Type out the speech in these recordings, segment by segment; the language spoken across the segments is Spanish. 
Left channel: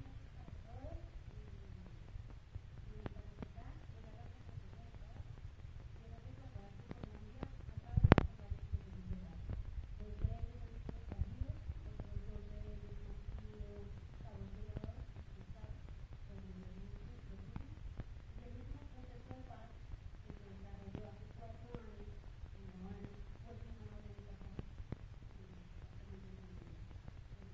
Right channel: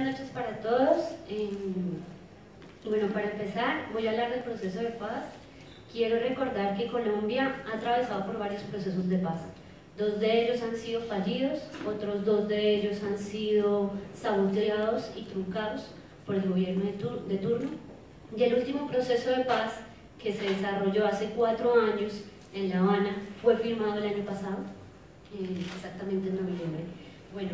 buenas noches para todos. Bueno, para empezar, voy a hablar del proceso de paz. Quiero recordar que Colombia ha atravesado por varios procesos de paz. 2 de ellos han sido fallidos, otros 2 de ellos han sido saboteados y truncados por el gobierno de turno. Y el último proceso de paz, que se desarrolló hace 4 años en La Habana, fue firmado el año pasado, exactamente en noviembre. Bueno,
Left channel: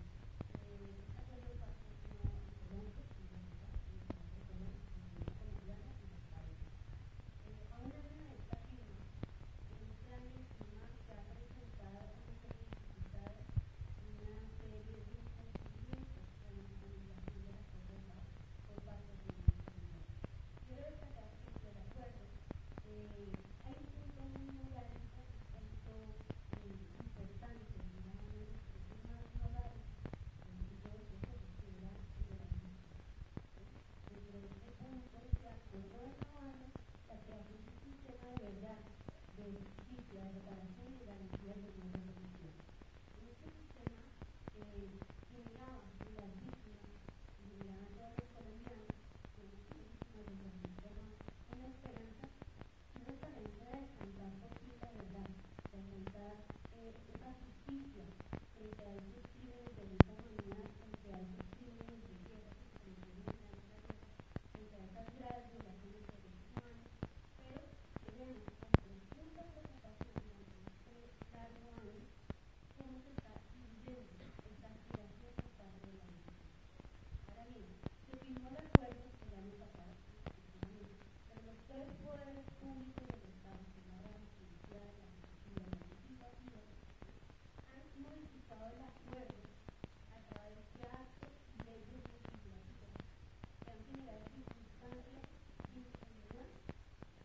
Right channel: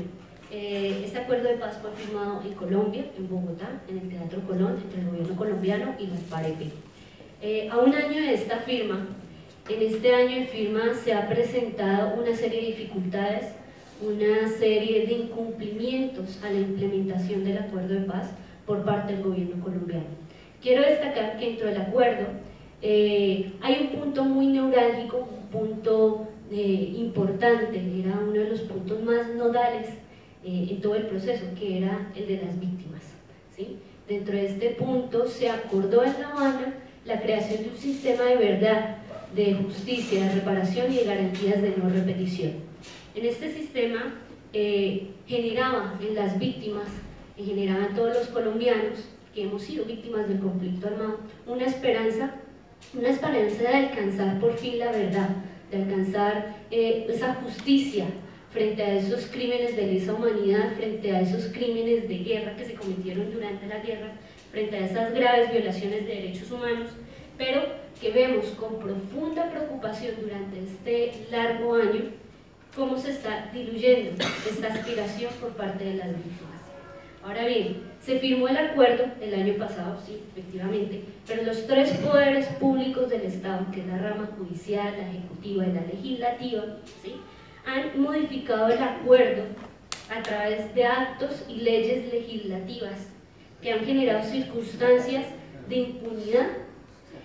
este acuerdo de paz fue firmado en Colombia, en Bogotá, en el Teatro Colón, entre el gobierno colombiano y las FAREP. A un año de esta firma, en este año de firma se ha presentado una serie de dificultades, una serie de incumplimientos a la implementación del acuerdo de paz por parte del gobierno colombiano. Quiero destacar que dentro del acuerdo hay un punto muy neurálgico, un punto importante, era uno de los puntos más nodales en todo el proceso, que era el de las víctimas, ¿sí? Dentro de este punto se acordó en La Habana la creación de un sistema de verdad, de justicia, de reparación y de garantías de no repetición. En este sistema generaba en las víctimas, generaba en todos los colombianos que hemos sido víctimas del conflicto armado, una esperanza de alcanzar por fin la verdad, de alcanzar esa justicia frente a esos crímenes de lesa humanidad, frente a esos crímenes de guerra que se cometieron durante la guerra, frente a esas graves violaciones de derechos humanos, pero que vemos con profunda preocupación durante este largo año cómo se está diluyendo esta aspiración por parte de las víctimas. Ahora bien, se firmó el acuerdo el año pasado, sí, efectivamente, pero los 3 poderes públicos del Estado, que es la rama judicial, la ejecutiva y la legislativa, ¿sí?, han modificado el acuerdo a través de actos y leyes legislativas que han generado circunstancias de impunidad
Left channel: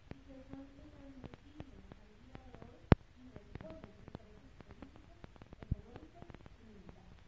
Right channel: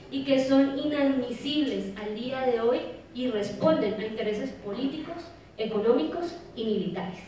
y que son inadmisibles al día de hoy y responden a intereses políticos, económicos y militares.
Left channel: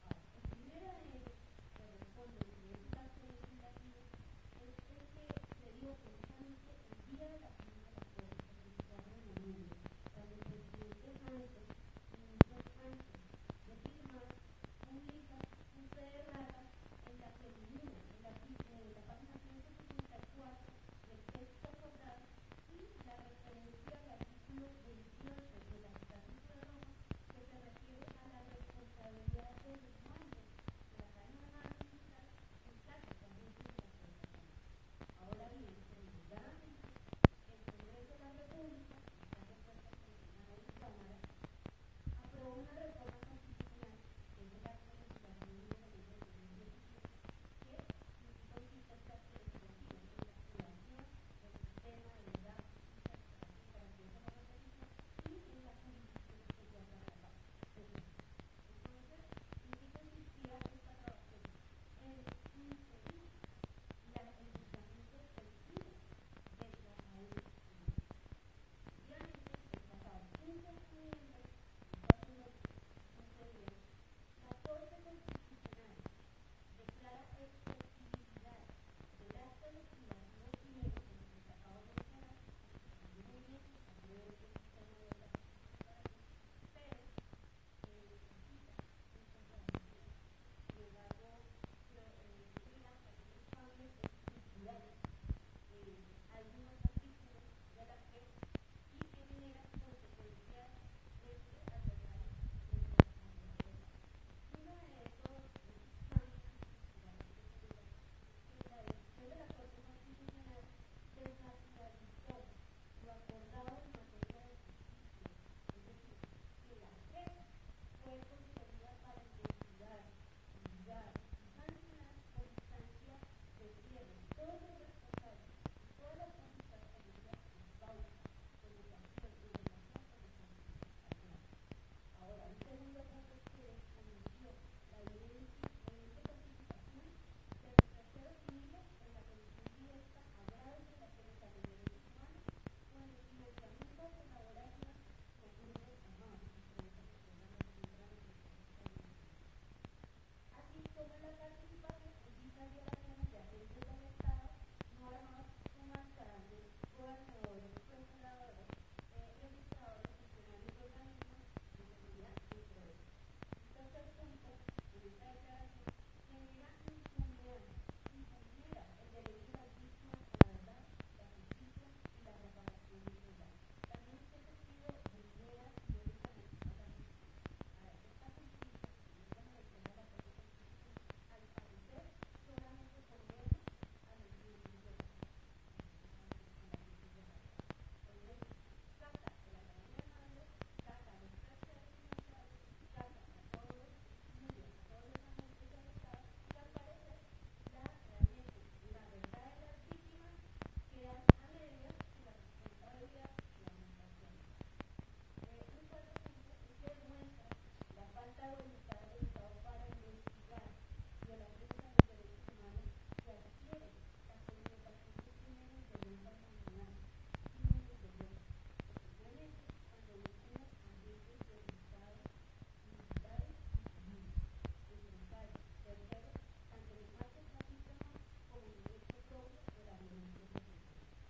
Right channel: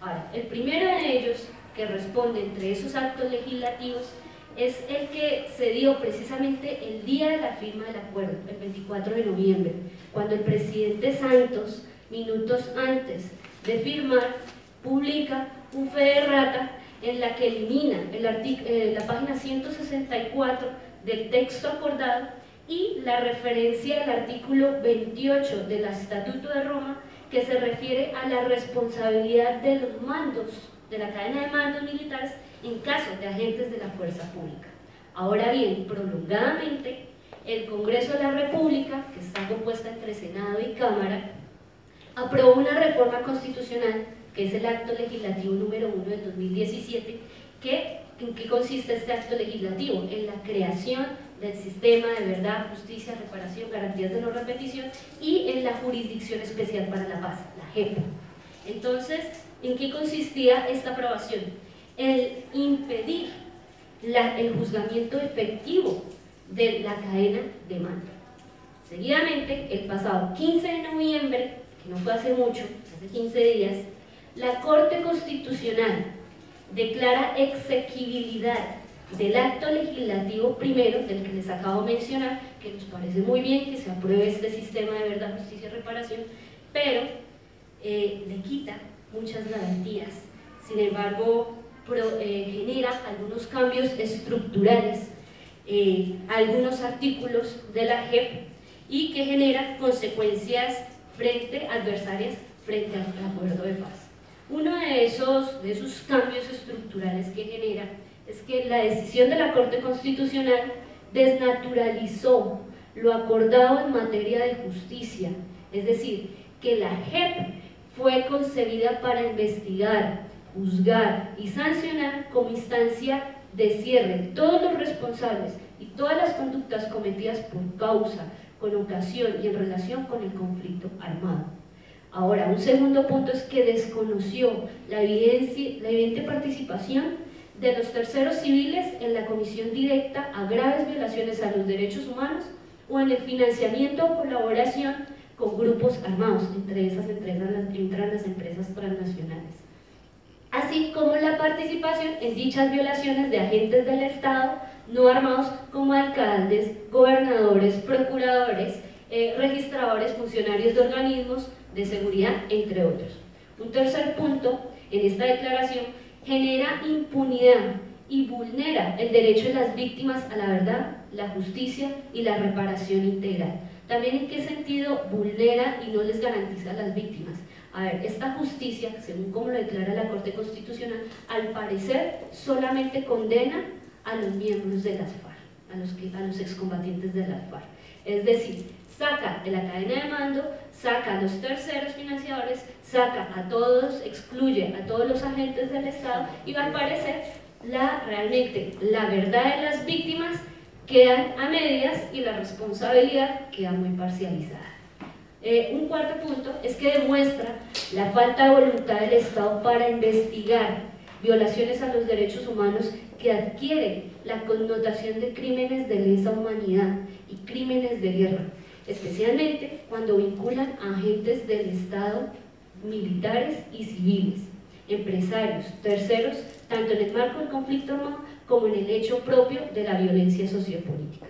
Ahora, el primero de ellos que responde entre esos actos legislativos es el que se dio precisamente el día de la firma del acuerdo, el 24 de noviembre, cuando el presidente Santos, minutos antes de firmar, publica un fe de rata en la que elimina la página 164 del texto acordado y la referencia al artículo 28 del Estatuto de Roma, que se refiere a la responsabilidad de los mandos, de la cadena de mandos militares en caso de agentes de la fuerza pública. Ahora bien, prolongadamente, el Congreso de la República, que está compuesta entre Senado y Cámara, aprobó una reforma constitucional, que es el acto legislativo número 1 del 2017, ¿en qué consiste este acto legislativo? En la creación del sistema de verdad, justicia, reparación, garantías de no repetición y en la Jurisdicción Especial para la Paz, la JEP. Entonces, ¿en qué consistía esta aprobación? El impedir el juzgamiento efectivo de la cadena de mando. Seguidamente, el pasado 15 de noviembre, que no fue hace mucho, hace 15 días, la Corte Constitucional declara exequibilidad del acto legislativo primero, del que les acabo de mencionar, que nos parece muy bien que se apruebe este sistema de verdad, justicia y reparación, pero le quita muchas garantías. Sin embargo, genera algunos cambios estructurales, algunos artículos de la JEP, y que genera consecuencias adversarias frente al acuerdo de paz. Uno de esos cambios estructurales que genera es que la decisión de la Corte Constitucional desnaturalizó lo acordado en materia de justicia, es decir, que la JEP fue concebida para investigar, juzgar y sancionar como instancia de cierre todos los responsables y todas las conductas cometidas por causa, con ocasión y en relación con el conflicto armado. Ahora, un segundo punto es que desconoció la evidente participación de los terceros civiles en la comisión directa a graves violaciones a los derechos humanos o en el financiamiento o colaboración con grupos armados, entre esas entran las empresas transnacionales, así como la participación en dichas violaciones de agentes del Estado no armados como alcaldes, gobernadores, procuradores, registradores, funcionarios de organismos de seguridad, entre otros. Un tercer punto en esta declaración genera impunidad y vulnera el derecho de las víctimas a la verdad, la justicia y la reparación integral. También en qué sentido vulnera y no les garantiza a las víctimas. A ver, esta justicia, según como lo declara la Corte Constitucional, al parecer solamente condena a los miembros de las FARC, a los excombatientes de las FARC. Es decir, saca de la cadena de mando, saca a los terceros financiadores, saca a todos, excluye a todos los agentes del Estado y al parecer realmente la verdad de las víctimas quedan a medias y la responsabilidad queda muy parcializada. Un cuarto punto es que demuestra la falta de voluntad del Estado para investigar violaciones a los derechos humanos que adquieren la connotación de crímenes de lesa humanidad y crímenes de guerra, especialmente cuando vinculan a agentes del Estado, militares y civiles, empresarios, terceros, tanto en el marco del conflicto armado como en el hecho propio de la violencia sociopolítica.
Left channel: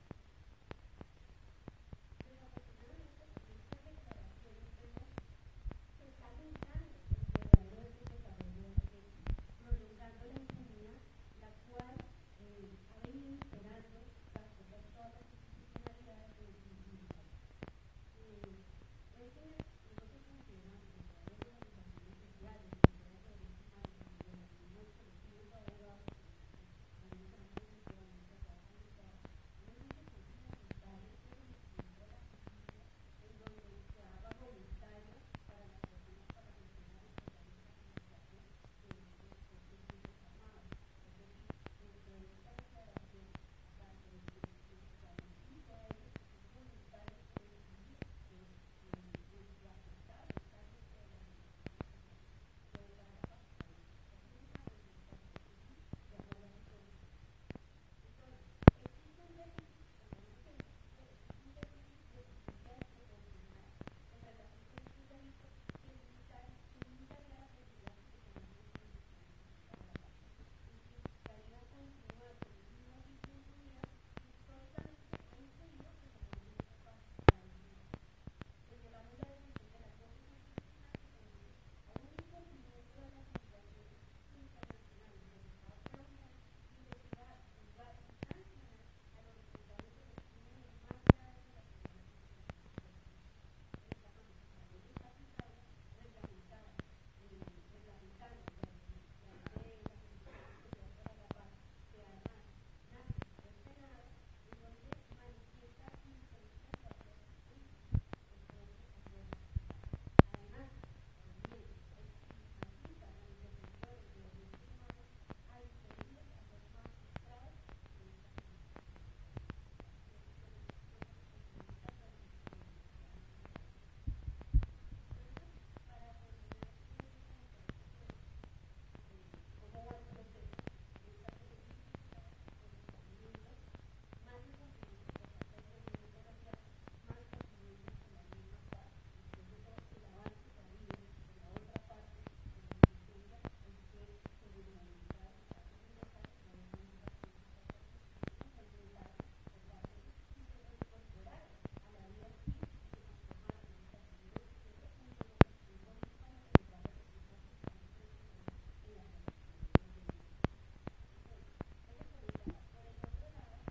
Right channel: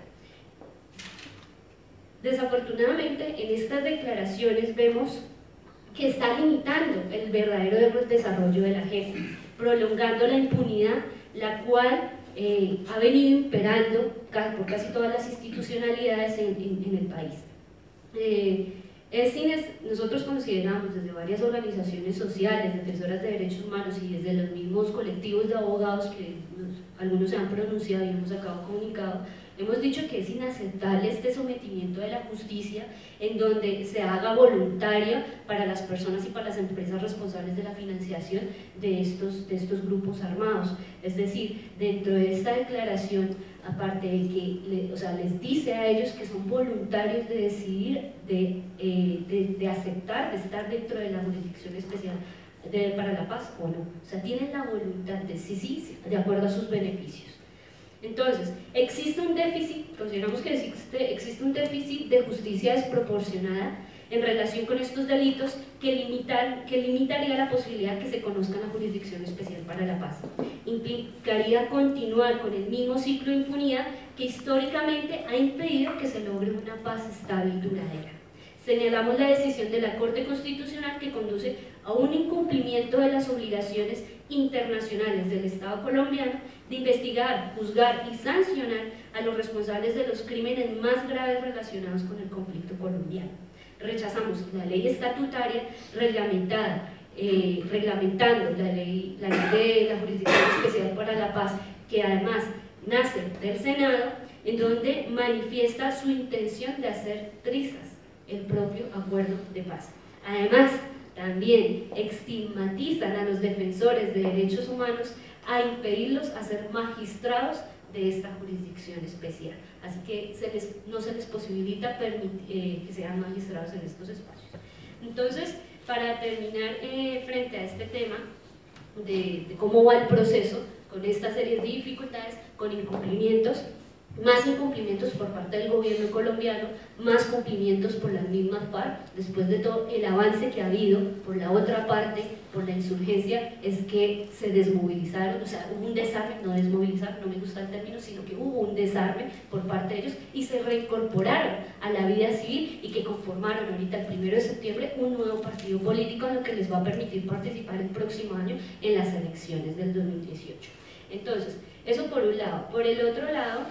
Desafortunadamente, en estas declaraciones vemos que está limitando el verdadero desarrollo de la agenda, prolongando la impunidad, la cual ha venido imperando por casi todas las institucionalidades en el país. Nosotros consideramos desde varias organizaciones sociales, defensoras de derechos humanos y desde los mismos colectivos de abogados que algunos se han pronunciado y hemos sacado comunicado, hemos dicho que es inaceptable este sometimiento de la justicia en donde se haga voluntaria para las personas y para las empresas responsables de la financiación de estos grupos armados. Es decir, dentro de esta declaración, aparte de que les dice a ellos que son voluntarios de decidir, de aceptar, de estar dentro de la jurisdicción especial para la paz o no. O sea, tienen la voluntad de sí, de acuerdo a sus beneficios. Entonces, existe un déficit, consideramos que existe un déficit de justicia desproporcionada en relación con estos delitos que limitaría la posibilidad que se conozca la Jurisdicción Especial para la Paz. Implicaría continuar con el mismo ciclo de impunidad que históricamente ha impedido que se logre una paz estable y duradera. Señalamos la decisión de la Corte Constitucional que conduce a un incumplimiento de las obligaciones internacionales del Estado colombiano de investigar, juzgar y sancionar a los responsables de los crímenes más graves relacionados con el conflicto colombiano. Rechazamos la ley estatutaria reglamentada, reglamentando la ley de la Jurisdicción Especial para la Paz, que además nace del Senado, en donde manifiesta su intención de hacer trizas el propio acuerdo de paz. Además, también estigmatizan a los defensores de derechos humanos a impedirlos a ser magistrados de esta jurisdicción especial. Así que no se les posibilita que sean magistrados en estos espacios. Entonces, para terminar frente a este tema de cómo va el proceso, con esta serie de dificultades, con incumplimientos, más incumplimientos por parte del gobierno colombiano, más cumplimientos por las mismas FARC, después de todo el avance que ha habido por la otra parte, por la insurgencia, es que se desmovilizaron, o sea, hubo un desarme, no desmovilizar, no me gusta el término, sino que hubo un desarme por parte de ellos y se reincorporaron a la vida civil y que conformaron ahorita el 1 de septiembre un nuevo partido político, lo que les va a permitir participar el próximo año en las elecciones del 2018. Entonces, eso por un lado. Por el otro lado,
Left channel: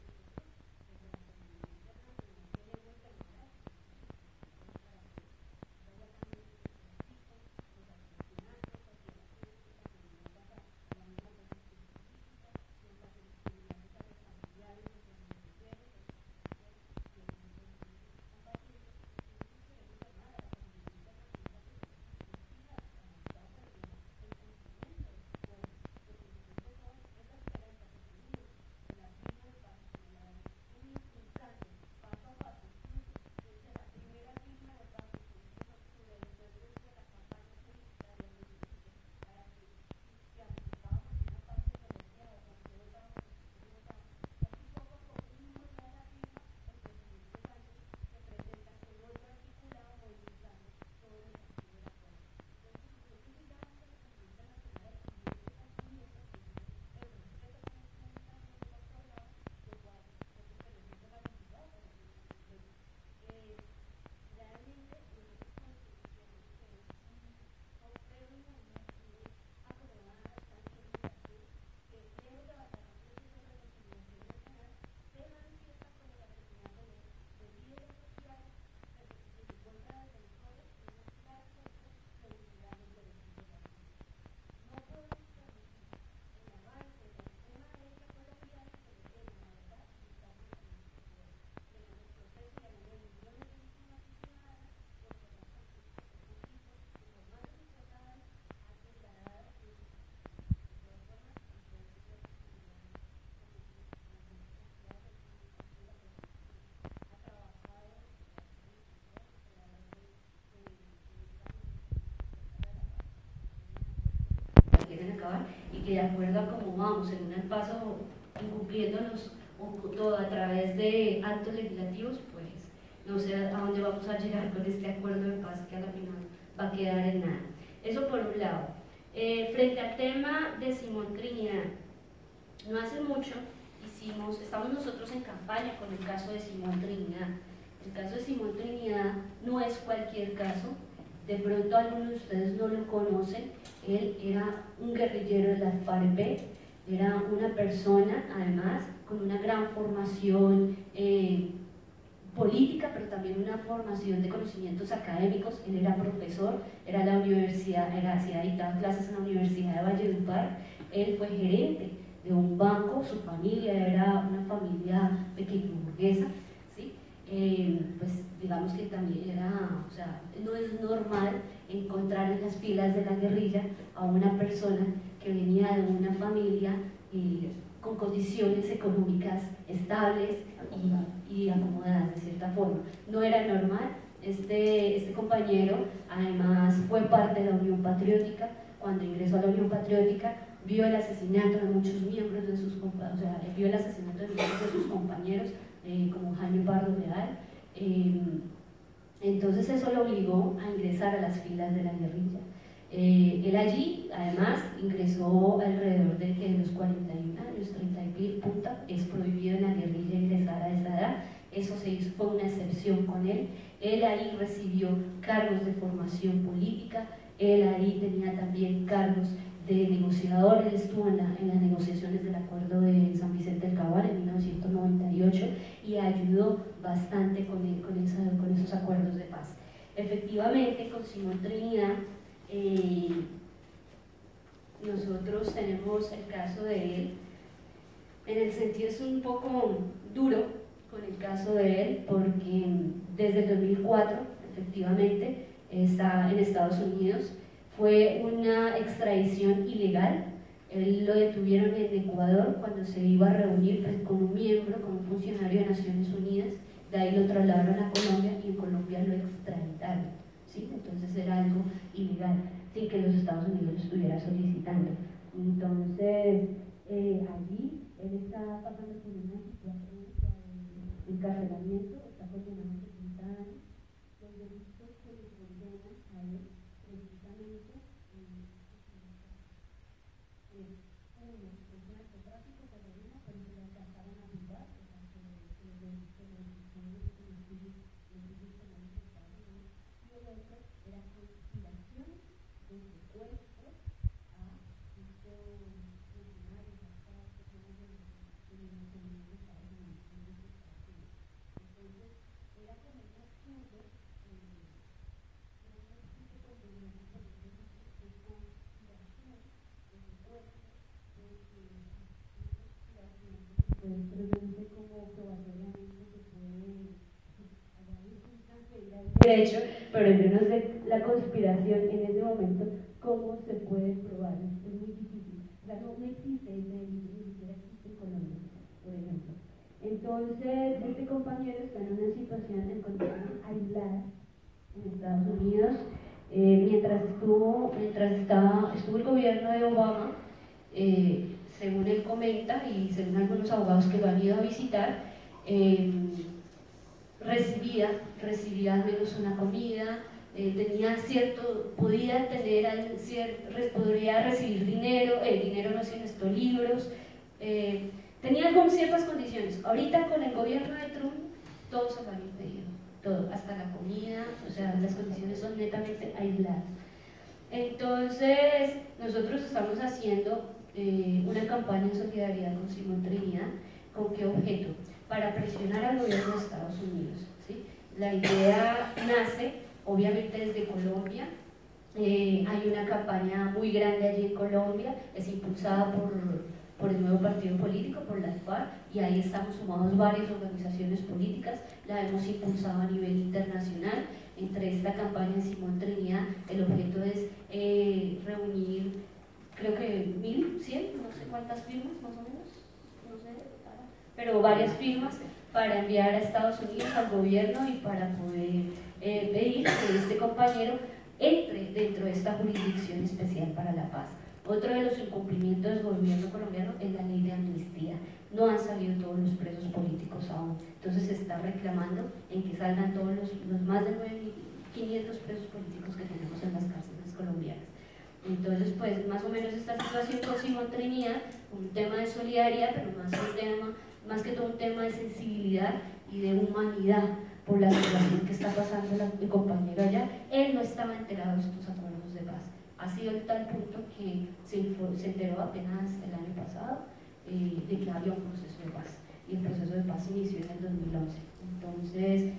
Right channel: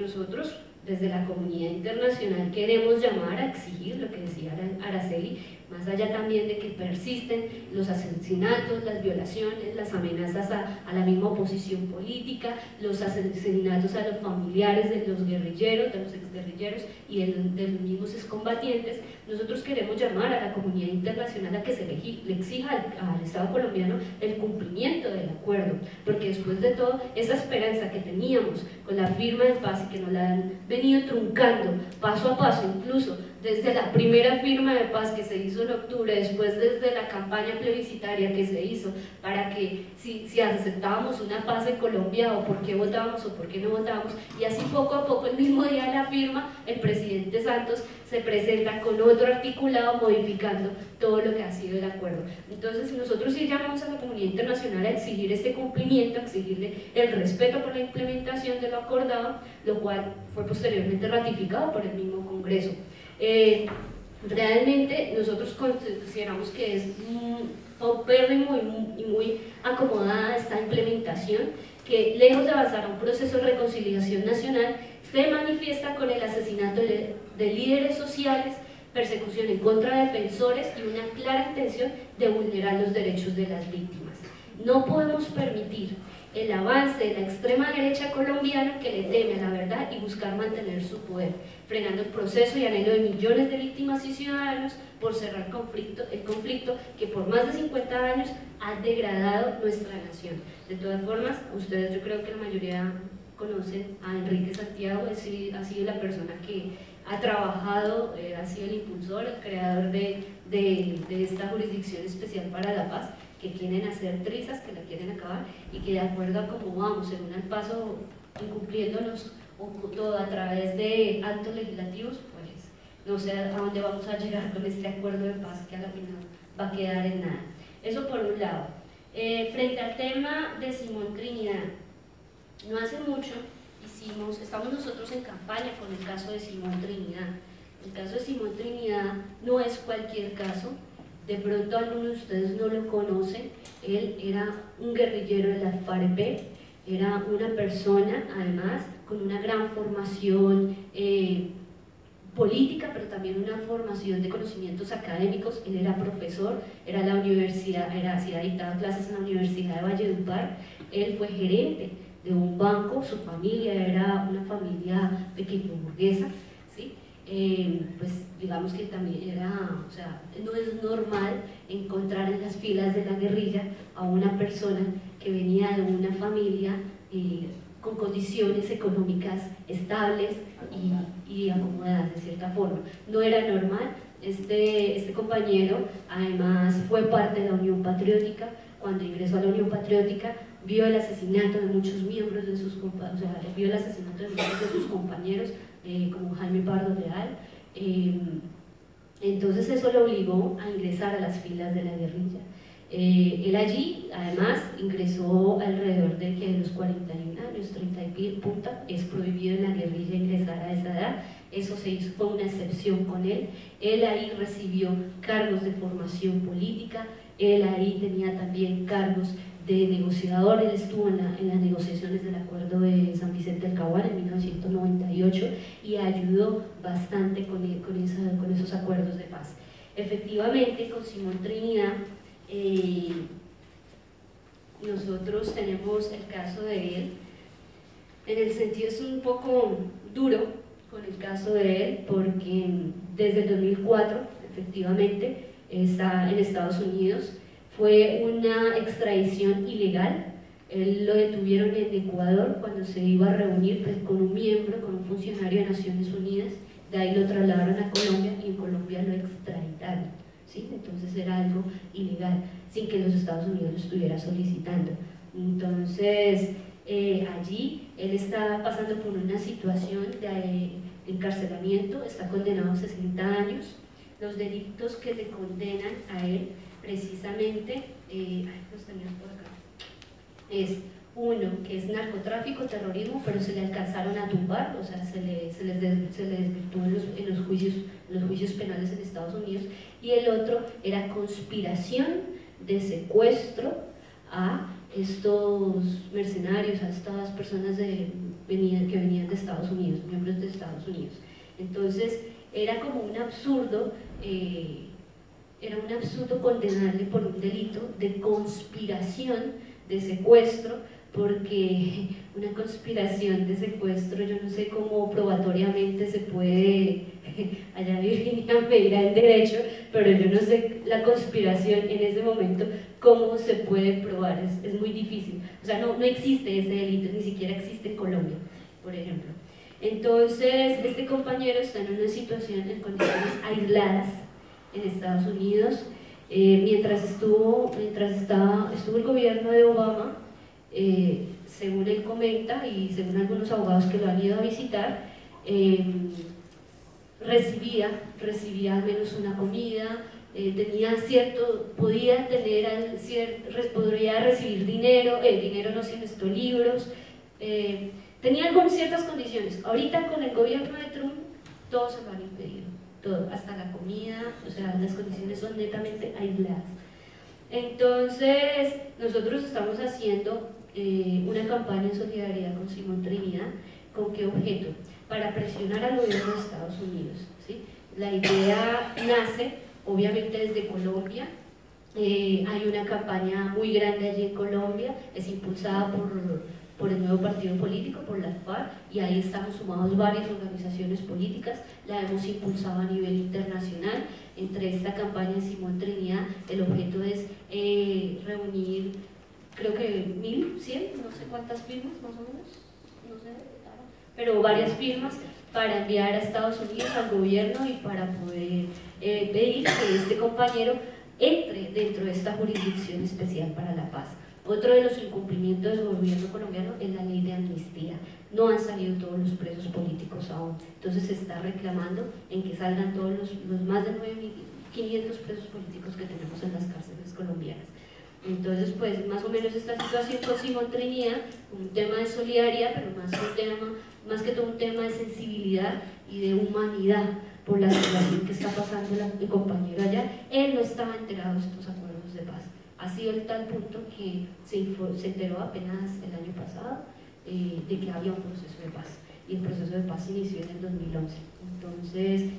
nosotros desde la comunidad internacional queremos llamar a exigir lo que decía Araceli, más allá también de que persisten los asesinatos, las violaciones, las amenazas a la misma oposición política, los asesinatos a los familiares de los guerrilleros, de los exguerrilleros y de los mismos excombatientes. Nosotros queremos llamar a la comunidad internacional a que se le exija al Estado colombiano el cumplimiento del acuerdo, porque después de todo, esa esperanza que teníamos con la firma de paz y que nos la han venido truncando paso a paso, incluso desde la primera firma de paz que se hizo en octubre, después desde la campaña plebiscitaria que se hizo para que si aceptábamos una paz en Colombia o por qué votábamos o por qué no votábamos, y así poco a poco, el mismo día de la firma, el presidente Santos se presenta con otro articulado modificando todo lo que ha sido el acuerdo. Entonces nosotros sí llamamos a la comunidad internacional a exigir este cumplimiento, a exigirle el respeto por la implementación de lo acordado, lo cual fue posteriormente ratificado por el mismo Congreso. Realmente nosotros consideramos que es paupérrimo y muy acomodada esta implementación, que lejos de avanzar a un proceso de reconciliación nacional, se manifiesta con el asesinato de líderes sociales, persecución en contra de defensores y una clara intención de vulnerar los derechos de las víctimas. No podemos permitir el avance de la extrema derecha colombiana que le teme a la verdad y buscar mantener su poder, frenando el proceso y anhelo de millones de víctimas y ciudadanos por cerrar el conflicto que por más de 50 años ha degradado nuestra nación. De todas formas, ustedes, yo creo que la mayoría conocen a Enrique Santiago, ha sido la persona que ha trabajado, ha sido el impulsor, el creador de esta jurisdicción especial para la paz, que quieren hacer trizas, que la quieren acabar, y que de acuerdo a cómo vamos en un paso incumpliéndonos todo a través de actos legislativos, pues no sé a dónde vamos a llegar con este acuerdo de paz que a la final va a quedar en nada. Eso por un lado. Frente al tema de Simón Trinidad, no hace mucho estamos nosotros en campaña con el caso de Simón Trinidad. El caso de Simón Trinidad no es cualquier caso. De pronto algunos de ustedes no lo conocen. Él era un guerrillero de la FAREP, era una persona además con una gran formación política, pero también una formación de conocimientos académicos. Él era profesor, era hacía dictado clases en la Universidad de Valledupar. Él fue gerente de un banco, su familia era una familia pequeño burguesa, ¿sí? Pues digamos que también era, o sea, no es normal encontrar en las filas de la guerrilla a una persona que venía de una familia con condiciones económicas estables y acomodadas de cierta forma. No era normal. Este compañero además fue parte de la Unión Patriótica. Cuando ingresó a la Unión Patriótica vio el asesinato de muchos miembros de sus compañeros, vio el asesinato de muchos de sus compañeros, como Jaime Pardo Leal. Entonces eso lo obligó a ingresar a las filas de la guerrilla. Él allí, además, ingresó alrededor de los 41 años, 30 y punta, es prohibido en la guerrilla ingresar a esa edad. Eso se hizo, fue una excepción con él. Él ahí recibió cargos de formación política, él ahí tenía también cargos de negociador. Él estuvo en las negociaciones del acuerdo de San Vicente del Caguán en 1998 y ayudó bastante con esos acuerdos de paz. Efectivamente, con Simón Trinidad, nosotros tenemos el caso de él. En el sentido es un poco duro con el caso de él, porque desde el 2004 efectivamente está en Estados Unidos. Fue una extradición ilegal. Él lo detuvieron en Ecuador cuando se iba a reunir con un miembro, con un funcionario de Naciones Unidas. De ahí lo trasladaron a Colombia y en Colombia lo extraditaron, ¿sí? Entonces era algo ilegal, sin que los Estados Unidos lo estuviera solicitando. Entonces allí él está pasando por una situación de encarcelamiento, está condenado a 60 años. Los delitos que le condenan a él precisamente, los tenía por acá, es uno que es narcotráfico, terrorismo, pero se le alcanzaron a tumbar, o sea, se les desvirtuó en los juicios penales en Estados Unidos, y el otro era conspiración de secuestro a estos mercenarios, a estas personas que venían de Estados Unidos, miembros de Estados Unidos. Entonces era como un absurdo, condenarle por un delito de conspiración de secuestro, porque una conspiración de secuestro, yo no sé cómo probatoriamente se puede, allá Virginia me dirá en derecho, pero yo no sé la conspiración en ese momento, cómo se puede probar, es muy difícil. O sea, no existe ese delito, ni siquiera existe en Colombia, por ejemplo. Entonces, este compañero está en una situación, en condiciones aisladas en Estados Unidos. Mientras estuvo el gobierno de Obama, según él comenta y según algunos abogados que lo han ido a visitar, recibía al menos una comida, podría recibir dinero, el dinero no se necesitó libros, tenía ciertas condiciones. Ahorita con el gobierno de Trump todo se lo han impedido, todo, hasta la comida, o sea, las condiciones son netamente aisladas. Entonces, nosotros estamos haciendo una campaña en solidaridad con Simón Trinidad. ¿Con qué objeto? Para presionar al gobierno de Estados Unidos, ¿sí? La idea nace, obviamente, desde Colombia. Hay una campaña muy grande allí en Colombia, es impulsada por el nuevo partido político, por la FARC, y ahí estamos sumados varias organizaciones políticas, la hemos impulsado a nivel internacional. Entre esta campaña en Simón Trinidad, el objeto es reunir, creo que 1.100, no sé cuántas firmas más o menos, no sé, pero varias firmas para enviar a Estados Unidos, al gobierno, y para poder pedir que este compañero entre dentro de esta jurisdicción especial para la paz. Otro de los incumplimientos del gobierno colombiano es la ley de amnistía. No han salido todos los presos políticos aún, entonces se está reclamando en que salgan todos los más de 9.500 presos políticos que tenemos en las cárceles colombianas. Entonces, pues más o menos esta situación con Simón Trinidad, un tema de solidaridad, pero más que todo un tema de sensibilidad y de humanidad por la situación que está pasando mi compañero allá. Él no estaba enterado de estos acuerdos de paz. Ha sido el tal punto que se enteró apenas el año pasado de que había un proceso de paz. Y el proceso de paz se inició en el 2011. Entonces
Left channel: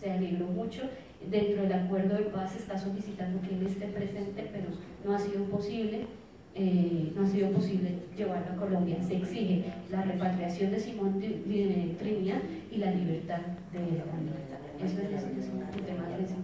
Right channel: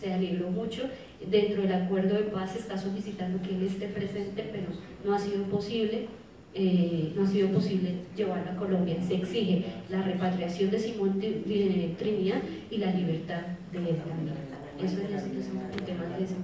se alegró mucho. Dentro del acuerdo de paz se está solicitando que él esté presente, pero no ha sido posible. No ha sido posible llevarlo a Colombia. Se exige la repatriación de Simón Trinidad y la libertad de él también. Eso es el tema de ese